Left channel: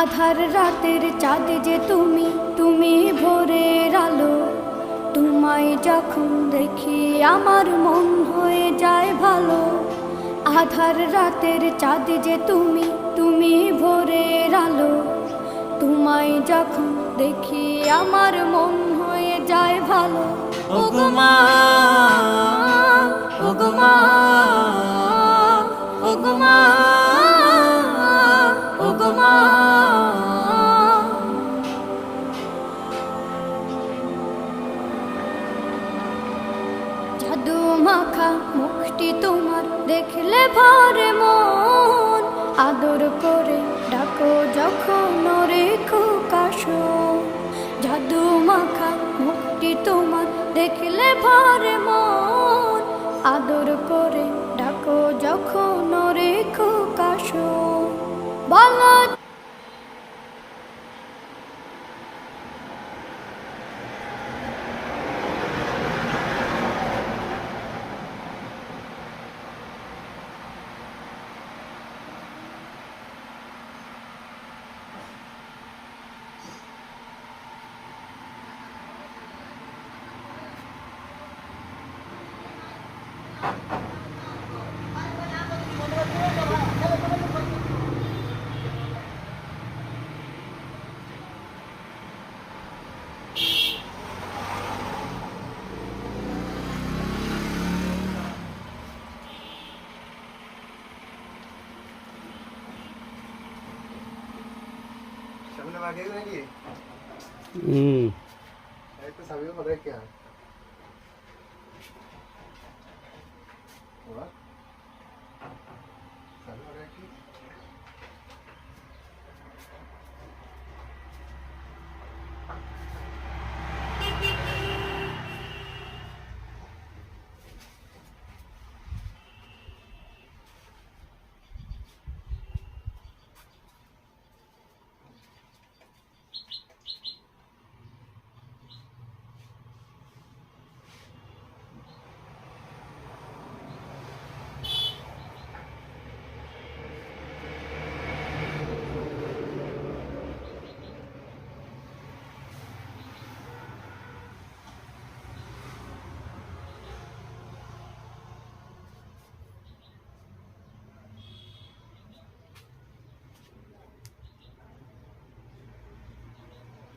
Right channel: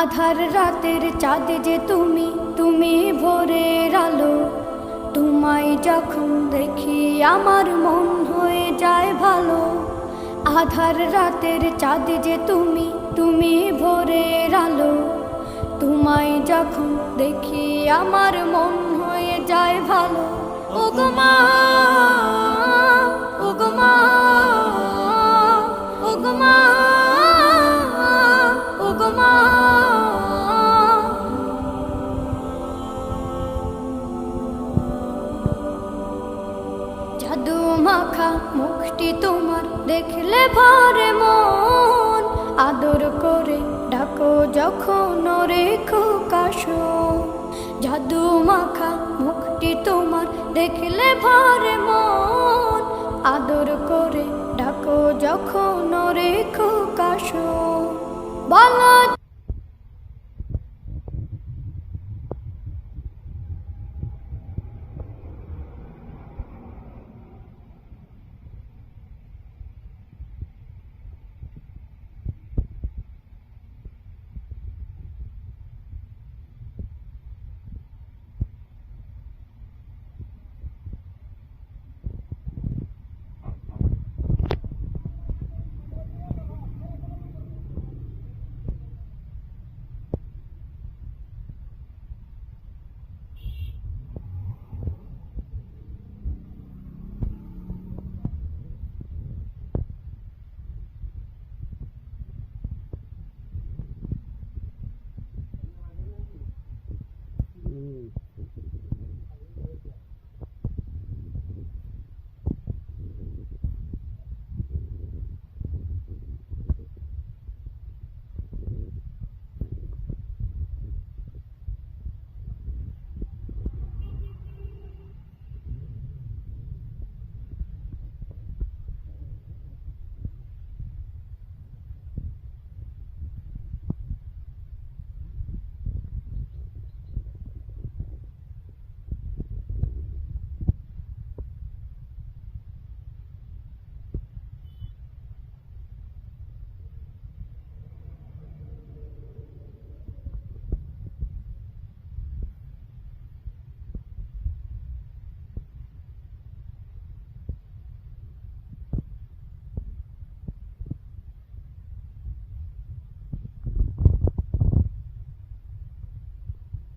আধার রাতের চাঁদ যে তুমি, তুমি ভোরের আলো। তোমায় যখন দেখি আমার মন হয়ে যায় ভালো। আধার রাতের চাঁদ যে তুমি, তুমি ভোরের আলো। তোমায় যখন দেখি আমার মন হয়ে যায় ভালো। ওগো মা, ওগো মা, ওগো মা, ওগো মা। জাদু মাখা মুখটি তোমার দেখলে ভরে মন। আদর করে ডাকো যখন রেখো কাশন। জাদু মাখা মুখটি তোমার দেখলে ভরে মন। আদর করে ডাকো যখন রেখো কাশন। বলো সামনে মাগে নাকি? এই তো সাবিও কথা কি